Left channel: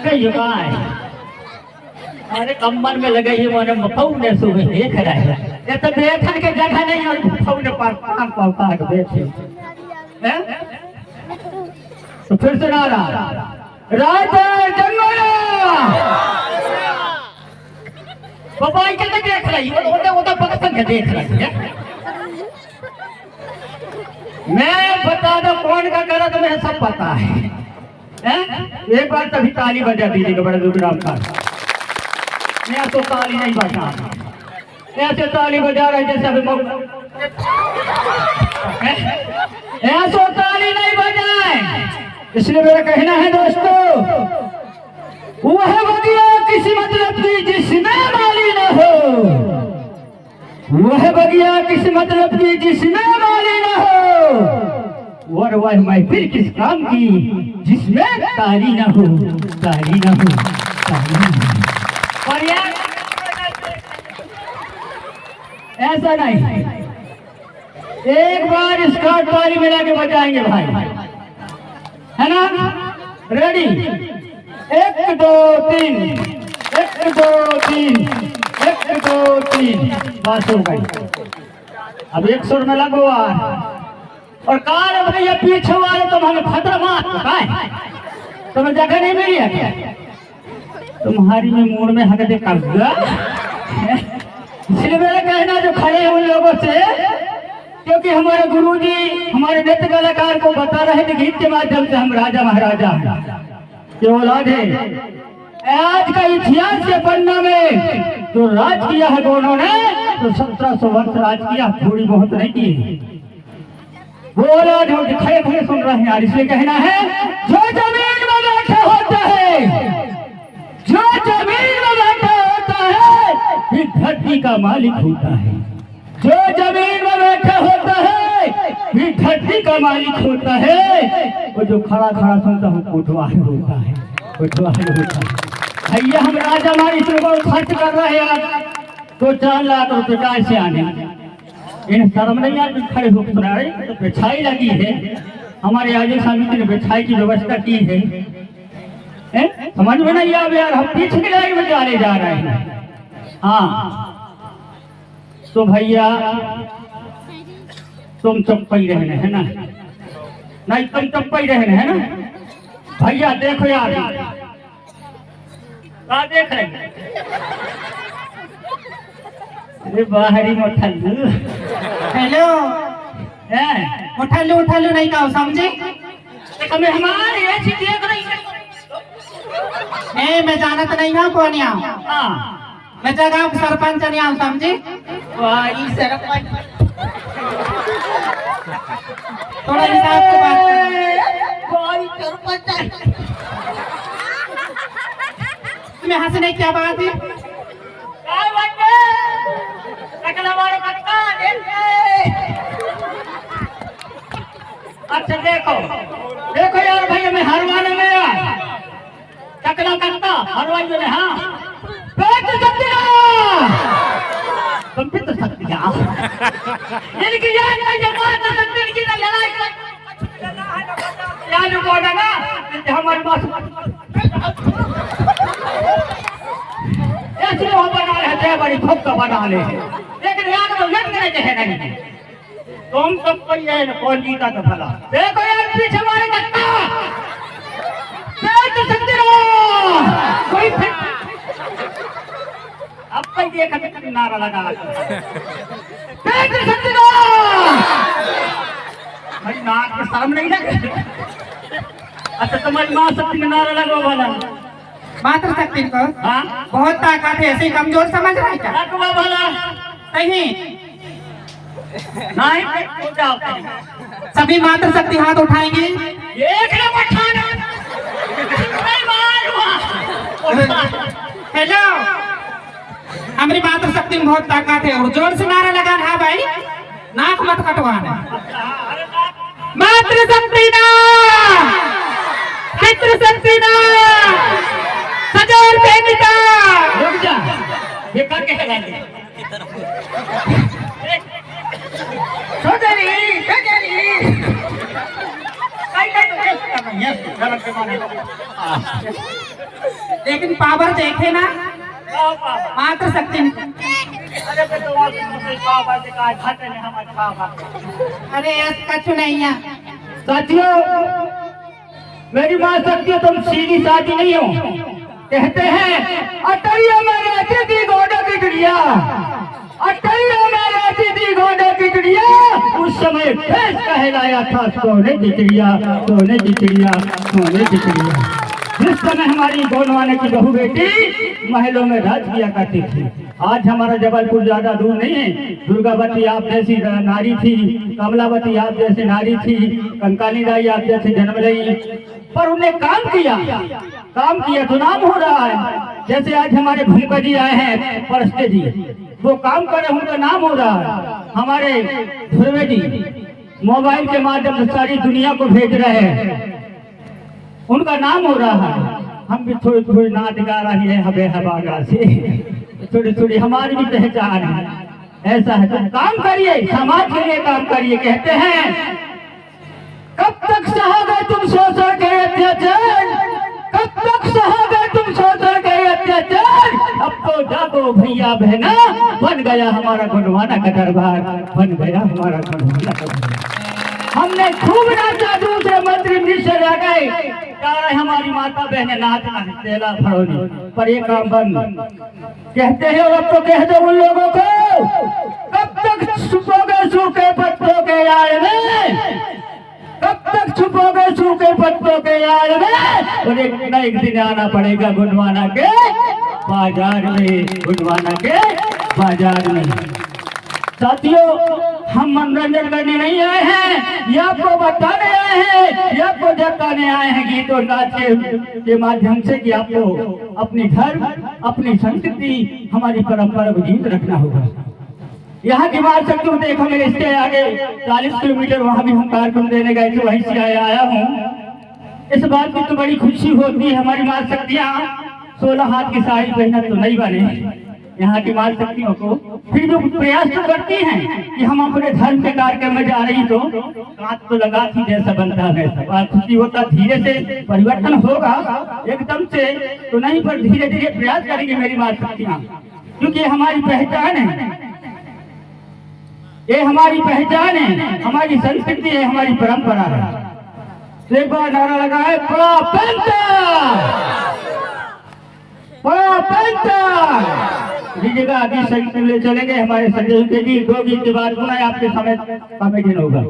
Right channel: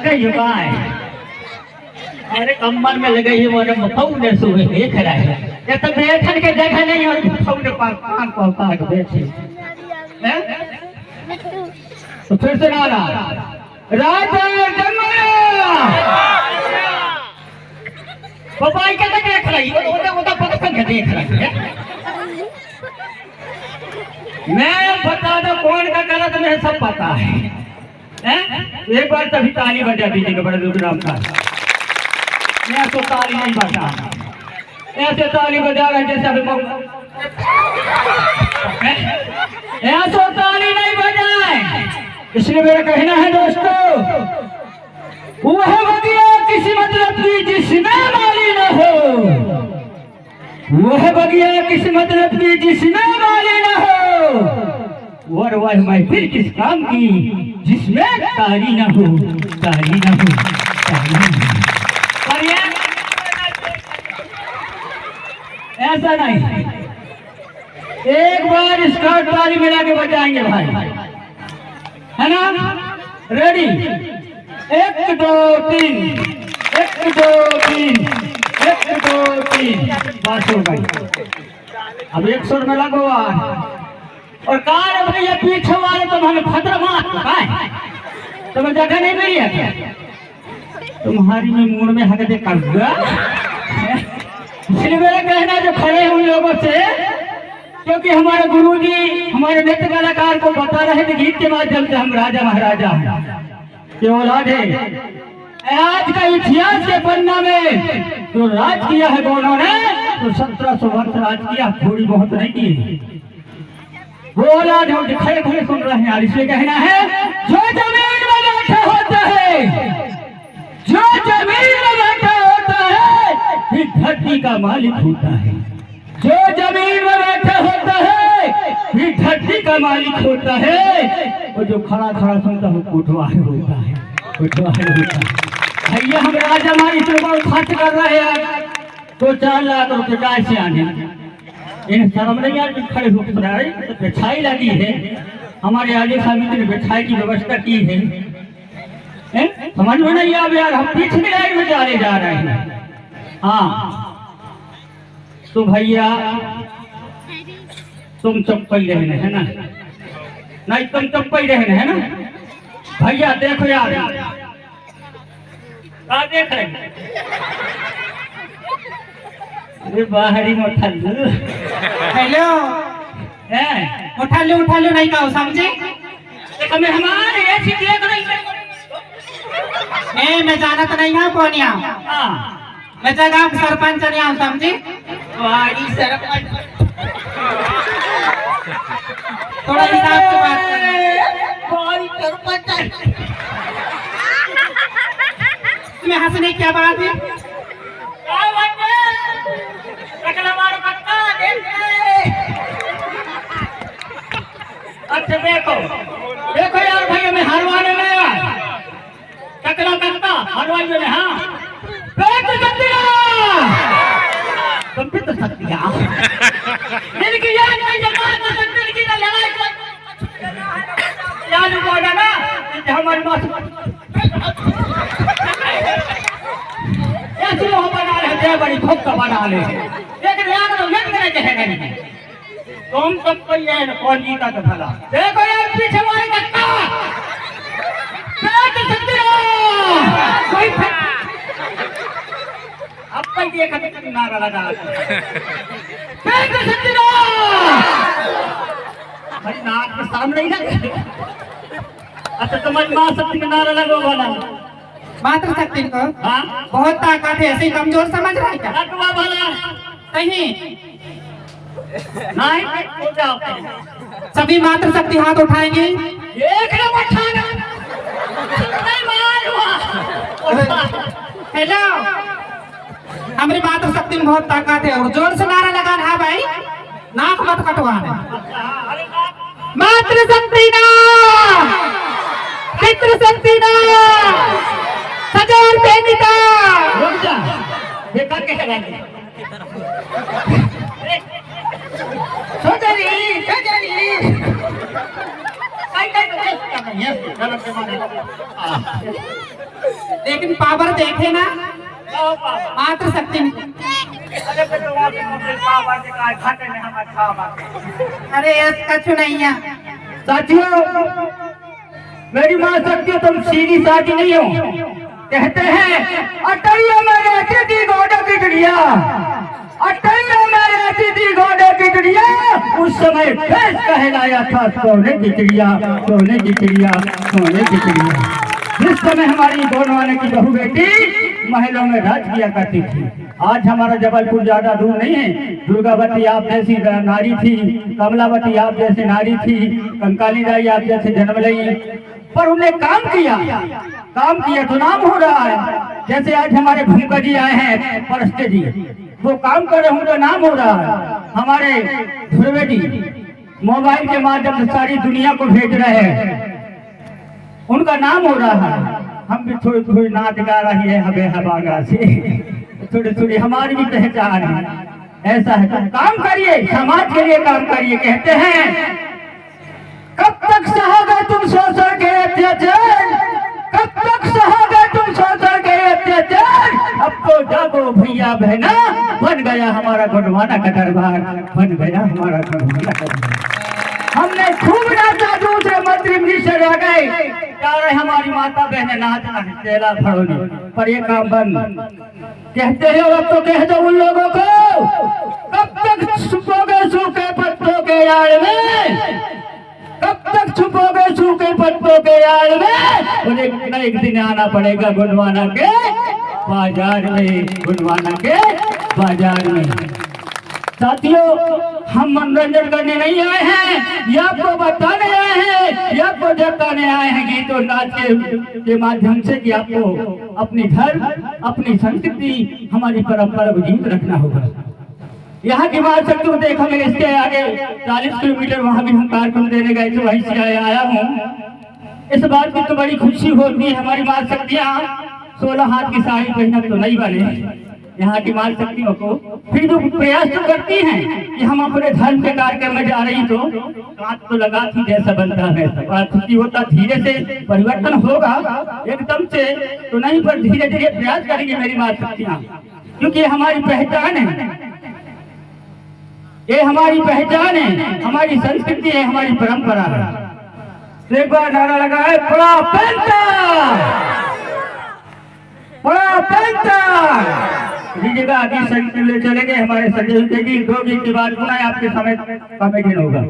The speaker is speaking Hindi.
कही बाय अरे कमर में लगे ही मोने मफऊ ने सुबह देख रहा है ये तो बैठन के जगह नहीं और मफऊ ने पान पाक बैठे हैं तो फिर से नारा राजा जंगला बाबा क्या देख रही है वो तो पक्का के देख रही है मैं बता दो कौन का करा तुम्हें सब पता है एक बार तभी ताली बजा दीजिएगा बड़े दुर्ग्राम का मैं तो ताली नहीं बजा ऐसे ताली बजा रहे जैसे अभी ऐसे ताली नहीं बजाए इसलिए मेरा कहना है दोस्तों वह बगिया किसी मतलब की जिसमें माली न हो वह बगिया किसी मतलब की जिसमें माली न हो और वह महफिल किस काम की जिसमें तारी न हो तारी न हो तारी न हो और ऐसा नहीं एक बार इसका ताली मिला के बजाएंगे भाई है ना रेडी 1 2 3 1 2 3 1 2 3 बात हो गई अब एक सुर में लगो और कार भैया पीछे वाले तो हमें खतरा मार तुम्हें जगह नहीं मिली है क्या तुम्हारी में मूड में हक दे कर इसलिए मेरा कहना जो खड़े हैं उन लोगों से क्योंकि हमारे गुरुजी हमारे नृत्य कलाकार को बता रहे थे गीत के माध्यम से हम राजा महाराजा के औलाद है आज का इतिहास के पन्ना में जो राज किया है दोनों ने तो 1700 वर्ष राज किया थोड़ी बहुत नहीं की वो औलाद हो जो खड़े खड़े सुन रहे हैं यार इसलिए कहना है जो जमीन में बैठा होता है जो जमीन में बैठा होता है फिर धरती का मालिक होता है जो जमीन में बैठा होता है फिर धरती का मालिक होता है वो जो खड़ा खड़ा सुनता है कोटवाल होता है कोटवाल होता है भैया हम राजा मालिक को खर्च कर रहे हैं तो 4 लाख रुपए का से आने इन शर्म नहीं आती खड़े होकर सुना रहे तो बिछाई लगी है हमारे आगे समिति ने बिछाई की व्यवस्था की है समझ में नहीं आ यार हम पीछे की लाइन में जा रहे हैं हाँ तो भैया तुम चप्पल रहने है ना नहीं तुम चप्पल रहने है ना भैया देखो यार क्या देख रहे अरे बाहरी मोठल्लू हेलो मोठल्लू उठल्लू नहीं कहो समझे हमें हमारे ऐसी देख रही मैं जानत नहीं हूँ कौन यहाँ मैं जगह सरपंच नहीं हूँ समझे वारी सरपंच थोड़ा हिसाब से बात वारी सरपंच तुम्हें हंसने क्या बात है अच्छा देखो देखो यार भैया मैं हरवाने में टकला करता हरवाई में हाँ तुम भी तो सकती हो इनकी याद नहीं जमा कर सकते इनकी ना लड़ाई याद को ना हमारे पास ऐसे हो बना रहे हैं बड़ी खूब का बना ले लेकिन यार लोग लग रहे हैं नहीं तुम सब कोई है ना कौन जीता तो भला देखो यार पीछे हमारे धक्का बैठ सकते हो कोई अब तक ये कभी नारा लगा बैठ सकते हो भाई नाक के सामने ही ना अच्छा तुम्हारी माँ शक्ति में नारा लगा भला मात्र शक्ति को हाँ बहुत ताकत है ऐसे कमजोर समझ रहे क्या लगवा भला नहीं नहीं हो जाओ सभी मात्र शक्ति हाथ उठाएंगे एक ने उठाना नहीं मार हेलो हमारी मात्र शक्ति में बहुत ताकत है जोर से नारा लगाना है भाई नाक मत कटवाना मात्र शक्ति ना मित्र शक्ति ना हजार सैनिका रुक जा ये करके लगाएंगे छोटेरी कई लेकिन पावर देखे ना मात्र शक्ति अरे इसका चुनैया साथियों, मेरी माँ शक्ति तुम सीधी साधी नहीं हो। कहते हैं अटैया में रहती थी गोडो की चिड़िया, अटैया में रहती थी गोडो की चिड़िया, उस समय फेस कहलाया था सोने की चिड़िया, सोने की चिड़िया, सोने की चिड़िया। जिस समय हमारी गोंडवाने की बहू बेटी महलों में राज किया करती थी। आज हमारा जबलपुर ज्यादा दूर नहीं है। दुर्गावती आप जैसी नारी थी, कमलावती आप जैसी नारी थी, कंकाली दाई आप जैसे जन्म ली, पर उन्हें काम किया तो नाम हो रहा है। जैसे आज हमारे भूमिका जी आए हैं परस्ते जी, वो काम कर रहे, उनका नाम हो रहा है। हमारे ध्रुवे जी मोबाइल के माध्यम से सारी दुनिया को भेज रहे हैं, उनका नाम हो रहा है। हम भी थोड़ी थोड़ी नाच गा रही है हबे हबागा से, थोड़ी थोड़ी हमारी भी पहचान है। ऐसा है तो काम करिए, समाज के लिए काम करिए। कहते हैं कब तक सहोगे तुम शोषण के अत्याचार, कब तक सहोगे तुम शोषण के अत्याचार। अब तो जागो भैया बहना, बन गया हमारा गोंडवाना का दरबार, बन गया हमारा गोंडवाना का दरबार। हमने खूब नाचा, दूसरे मंत्री मिनिस्टर रह गए, कह रहे हमारी माता बहने नाचना है चेला फड़ोनी, पर ये काम बंद। कहते हैं अब तो कह दो उन लोगों को, कब तक छुपोगे सूखे पत्तों के यार में, कब तक छुपोगे सूखे पत्तों के यार में। और एक दिन आना पड़ेगा गोंडवाना के बाजार में, गोंडवाना के बाजार में। साथियों, हम मनोरंजन करने नहीं आए हैं, ये आपको बताने आए हैं, ये आपको जताने आए हैं गीत और नाच के माध्यम से कि आपको अपनी धर्म, अपनी संस्कृति, हमारी परंपरा को जीवित रखना होगा। यहाँ की बात सकते हो, देखो मेरे इसके आगे 40 किलोमीटर वहाँ भी हम कार्यक्रम देने गए थे, वहीं से आया हूँ। इस बात की तो बड़ी खुशी होती है। हमारी माँ शक्तियाँ 16 हाथ की साड़ी पहना तो नहीं बने, यहाँ की माँ शक्तियों को फिर जो प्रयास तो करती हैं कि हम अपने धर्म के कार्यक्रम में जा रही तो कांच तो लगा थी जैसा बनता है वैसा। खुशी होता, धीरे से परिवर्तन होगा, एकदम से तो नहीं, पर धीरे धीरे प्रयास करेंगे मेरी माँ शक्तियाँ, क्योंकि हमारी पहचान है, ये हमारी पहचान है, हमारी संस्कृति है, हमारी परंपरा है। एक बार नारा लगा है बड़ा पेंटर दीजिएगा। आगे संगीत ले चलेंगे हमारे संजय के गीत, 2 गीत के बाद पुनः आपके समय कॉमेडी होगा।